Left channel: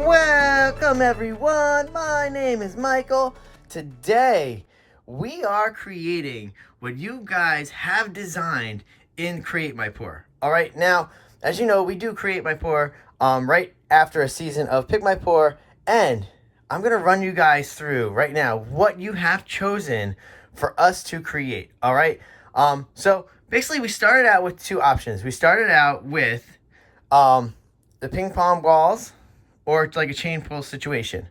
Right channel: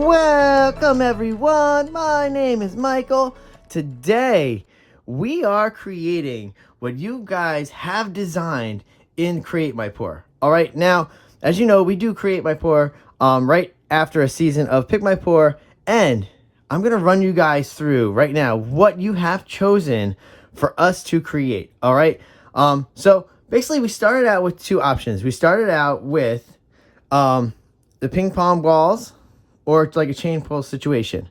Welcome everyone, my name is Michael. Today we are creating what you guys have designed in Create My Pour. Alright, now as you know, we do Create My Pour right after a season of Pick My Pour, and I'm going to run you guys through right now what you have chosen for us to create. Alright, so basically we started out with two options. We started out with the ping pong balls, or it's like a chain pull situation.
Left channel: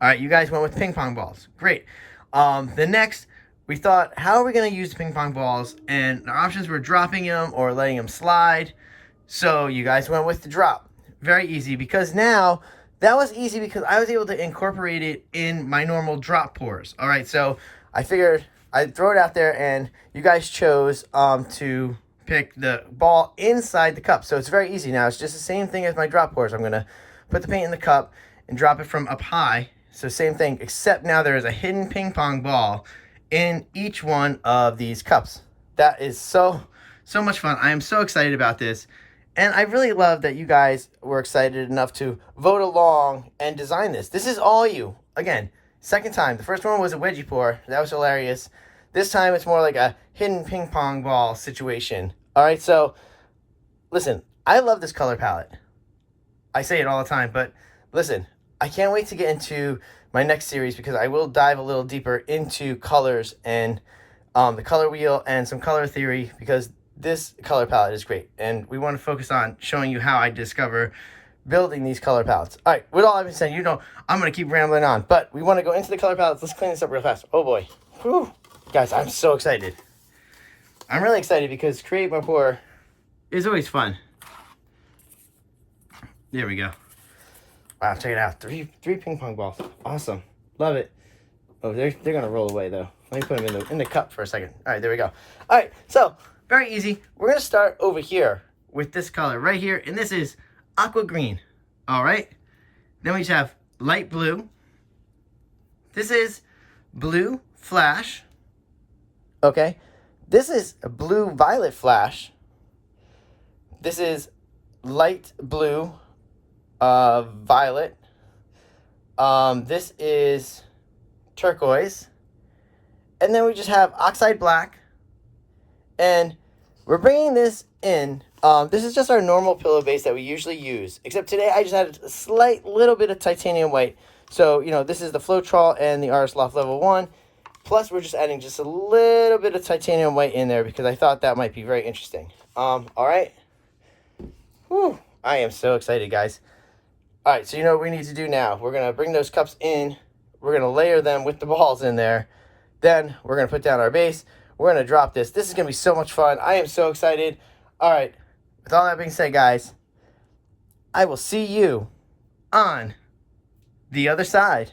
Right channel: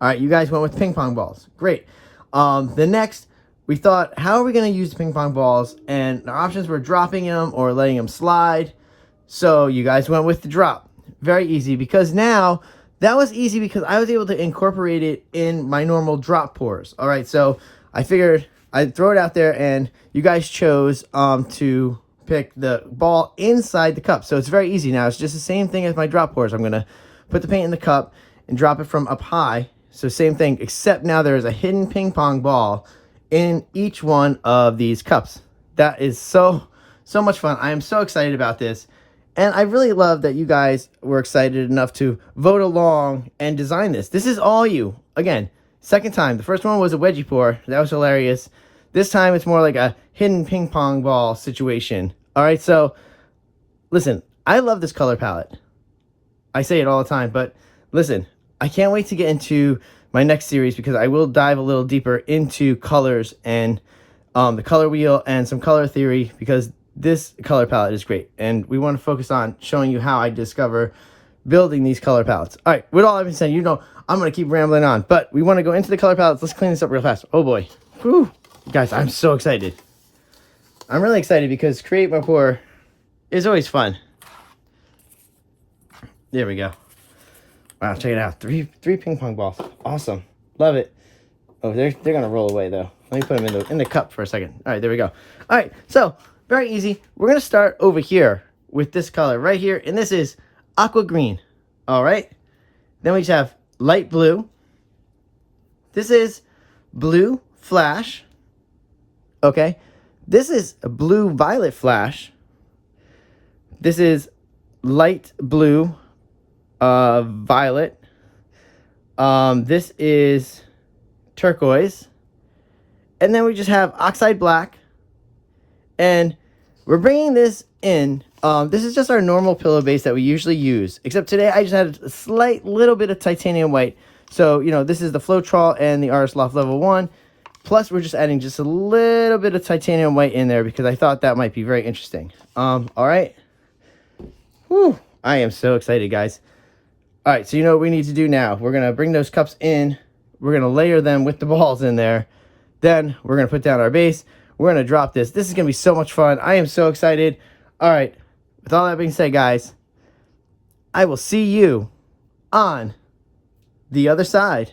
All right, you guys went with ping pong balls. Great. The next, we thought, how are we going to use the ping pong balls? And the options were dropping them or letting them slide. So you guys went with the drop. Very easy, because now that was easy because I was able to incorporate it in my normal drop pours. All right, so I figured I'd throw it out there, and you guys chose to pick the ball inside the cup. So it's very easy now. It's just the same thing as my drop pours. I'm going to put the paint in the cup and drop it from up high. So same thing, except now there is a hidden ping pong ball in each one of these cups. That is so much fun. I am so excited about this. And I really love that you guys were excited enough to vote along and design this. This is all you. Again, second time. The first one was a wedgie pour. That was hilarious. This time it's more like a hidden ping pong ball situation. All right, so listen, I love this color palette. I say it all the time, but listen, I can't wait to get into my next series, because I will dive a little deeper into colors and the color wheel and some color theory, because this color palette is great. And we want to focus on showing you how I discover building these color palettes. All right, with all I've been saying, you know, I'm going to keep rambling on, but we want to go into the color palettes. Let's clean this up real fast. Oh boy. Whew. Guys, I'm so excited. I'm really excited because Create My Pour is always fun. There we go. Wow, check it out. Three ping pong balls. Awesome. Love it. Oh, they're gonna roll away though. Let me put them in the cup for a second. All right, there we go. All right, so very easy. We're gonna start over here with this color right here, and this is aqua green. All right. Then we just have light blue. This is blue flash. Okay. This is a blue violet flash. This is light blue violet. This is turquoise. And then we just have oxide black. And we're bringing this in. This is just our normal pillow base that we usually use. Except today I just had a slight little bit of titanium white. So, you know, this is the Floetrol and the Artist Loft Level 1. Plus, we're just adding just a little bit of titanium white in there because I thought that might be very interesting. All right. Whew. I am so excited, guys. All right, so you know what we need to do now. We're going to bring those cups in. We're going to layer them with the balls in there. Then we're going to put down our base. We're going to drop this. This is going to be so much fun. I am so excited. All right, with all that being said, guys, I will see you on the other side.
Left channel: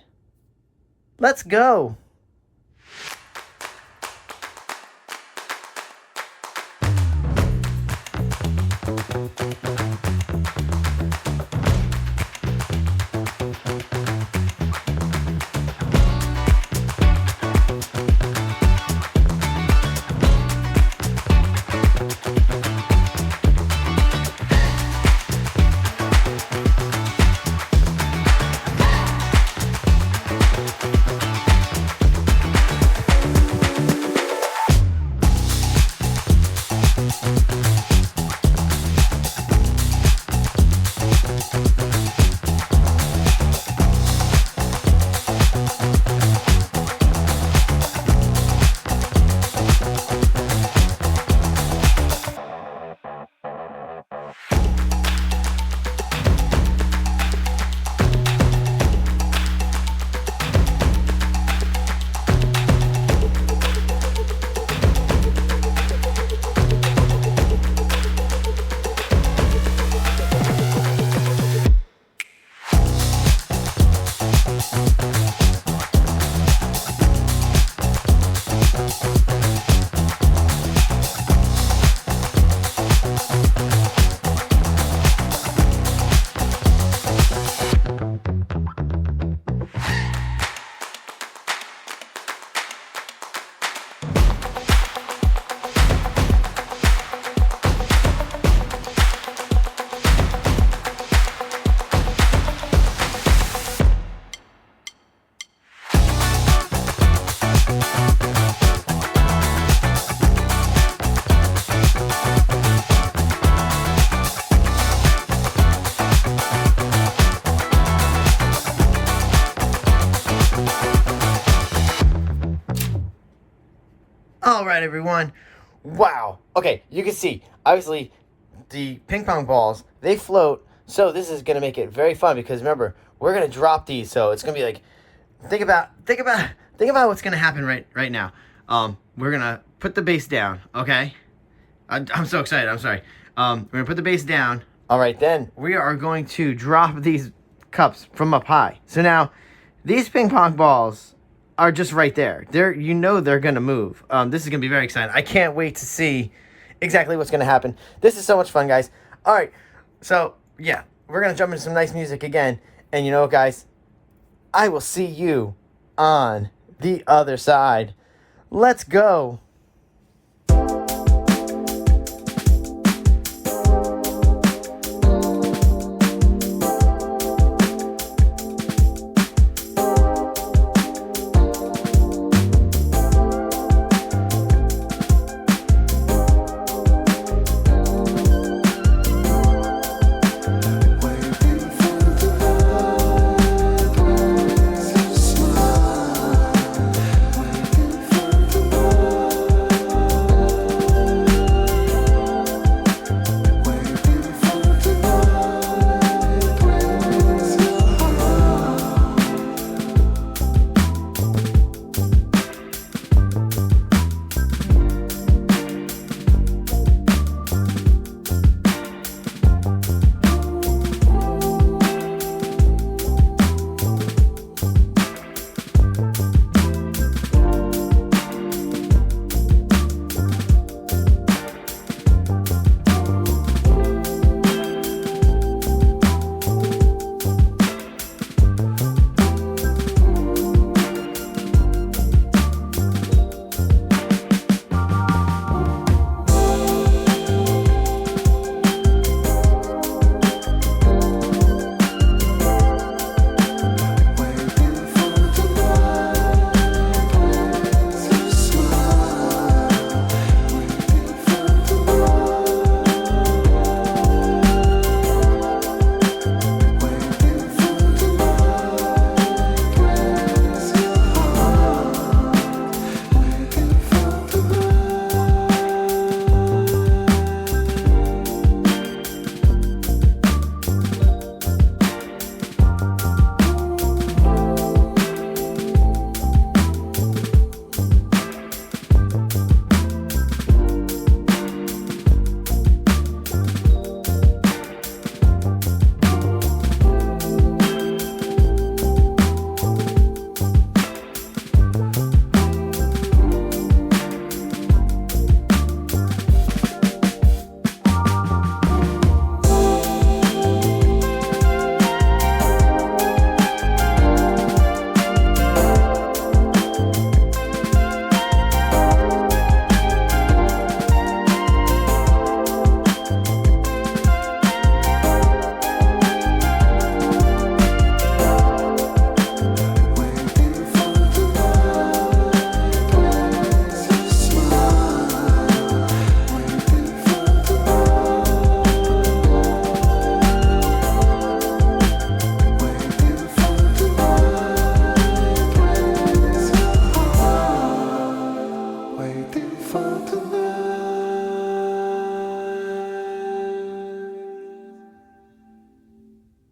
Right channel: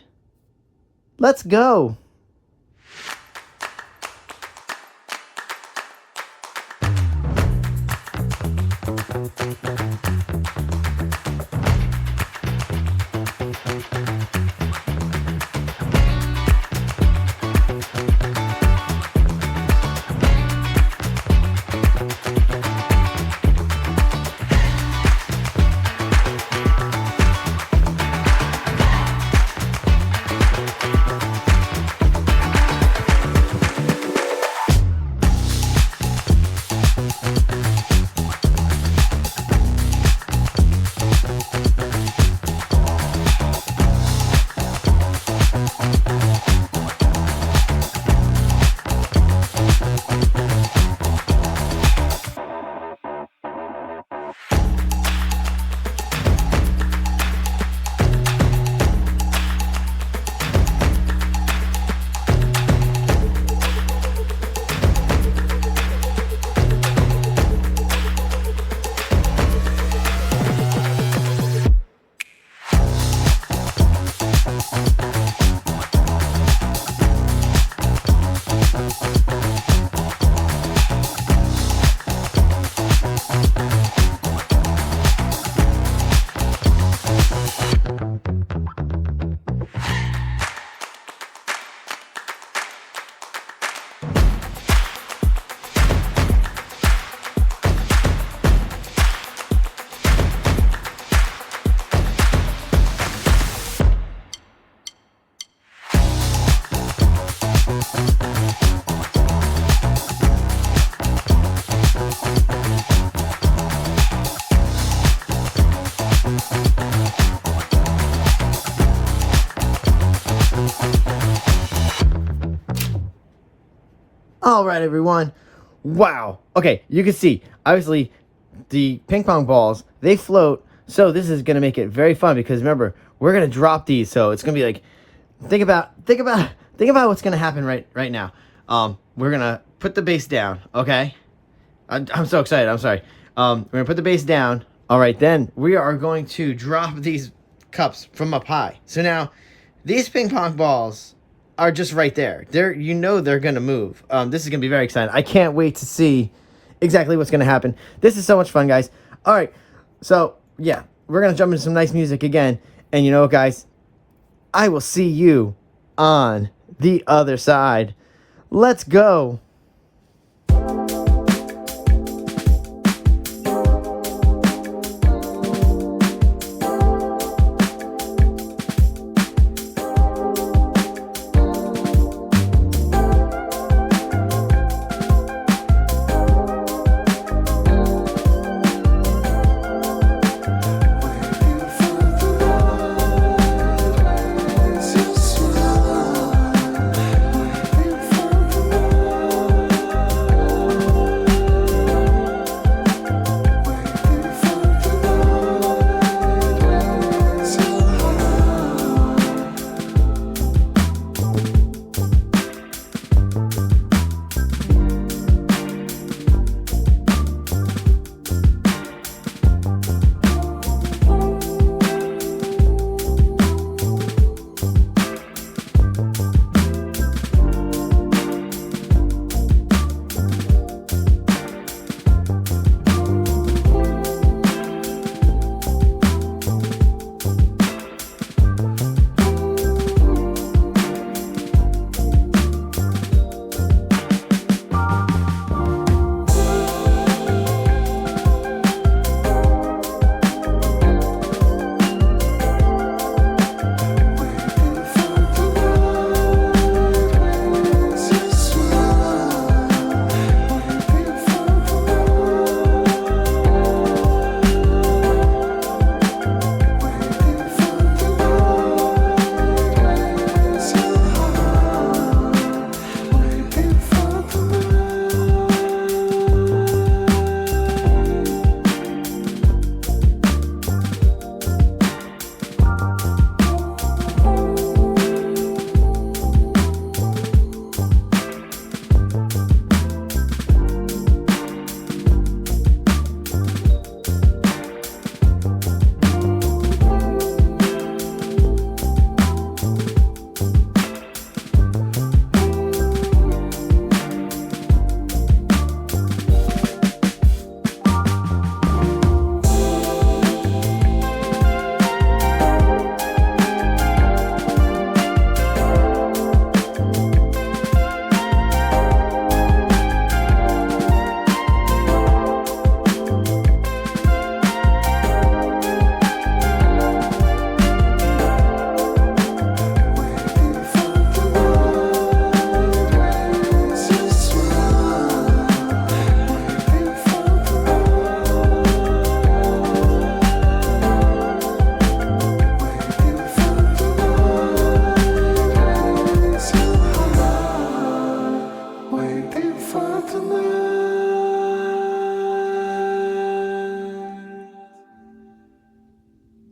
Let's go. right, everyone. Wow. Okay, you can see, obviously, the ping pong balls, they float. So this is going to make it very fun because remember, we're going to drop these. So it's going to be like, think about what's going to happen right now. We're going to put the base down, okay? I'm so excited. I'm sorry. We're going to put the base down. All right, then we are going to drop these cups from up high. So now these ping pong balls are just right there. They're going to move. This is going to be very exciting. I can't wait to see exactly what's going to happen. This is so much fun, guys. All right. So, yeah, we're going to jump into some nice music again. And you know what, guys? I will see you on the other side. Let's go.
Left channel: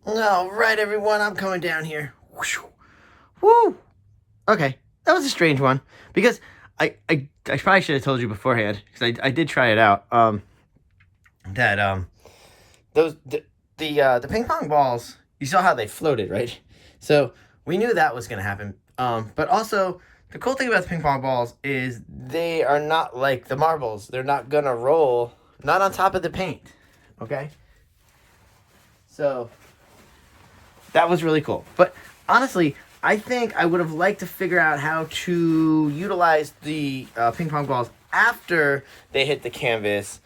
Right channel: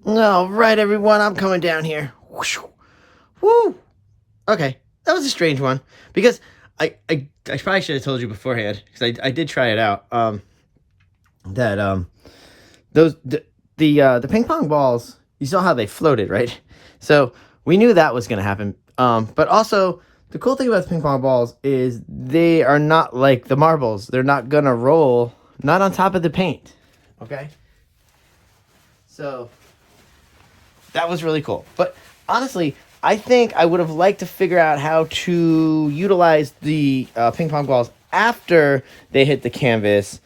All right, everyone, I'm coming down here. Woo! Okay, that was a strange one because I probably should have told you beforehand because I did try it out. The ping pong balls, you saw how they floated, right? So we knew that was gonna happen. But also the cool thing about the ping pong balls is they are not like the marbles. They're not gonna roll, not on top of the paint. Okay. So that was really cool. But honestly, I think I would have liked to figure out how to utilize the ping pong balls after they hit the canvas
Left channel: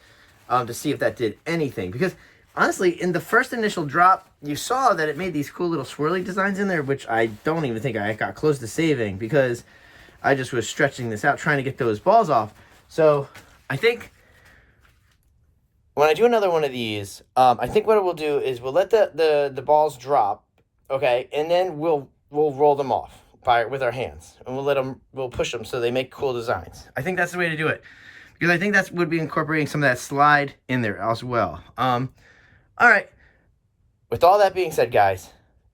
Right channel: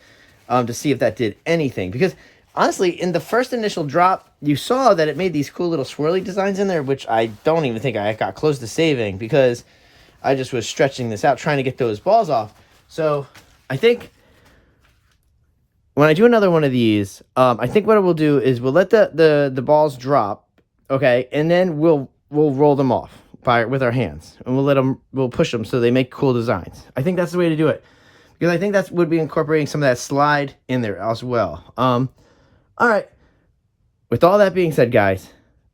to see if that did anything. Because honestly, in the first initial drop, you saw that it made these cool little swirly designs in there, which I don't even think I got close to saving because I just was stretching this out, trying to get those balls off. So I think when I do another one of these, I think what we'll do is we'll let the balls drop, okay, and then we'll roll them off with our hands, and we'll push them so they make cool designs. I think that's the way to do it. because I think that would be incorporating some of that slide in there as well. All right. With all that being said, guys,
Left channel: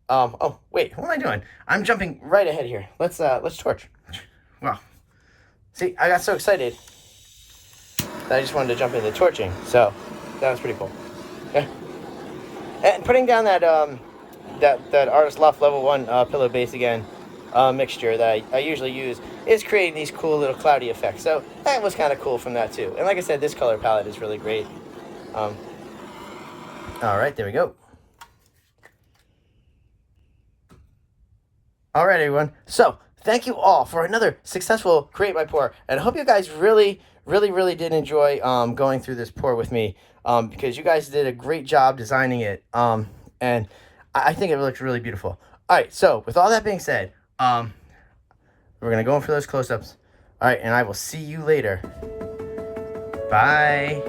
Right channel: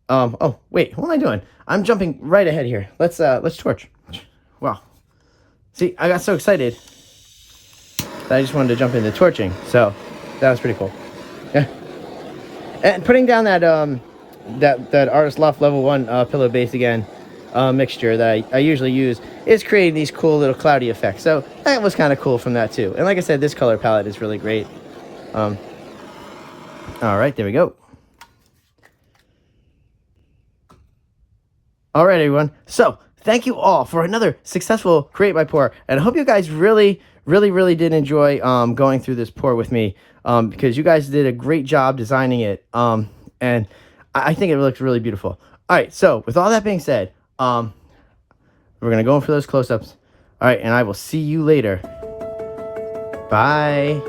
oh wait, what am I doing? I'm jumping right ahead here. Let's torch. Wow. See, I got so excited that I just wanted to jump into torching. So that was pretty cool. Yeah. And putting down that that Artist Loft Level 1 pillow base again mixture that I usually use is creating these cool little cloudy effects. So that was kind of cool from that too. And like I said, this color palette is really great. All right, there we go. All right, everyone. So thank you all for another successful Create My Pour. And I hope you guys really did enjoy going through this pour with me because you guys did a great job designing it. And I think it looks really beautiful. All right, so with all that being said, we're going to go in for those close-ups. All right, and I will see you later. Bye.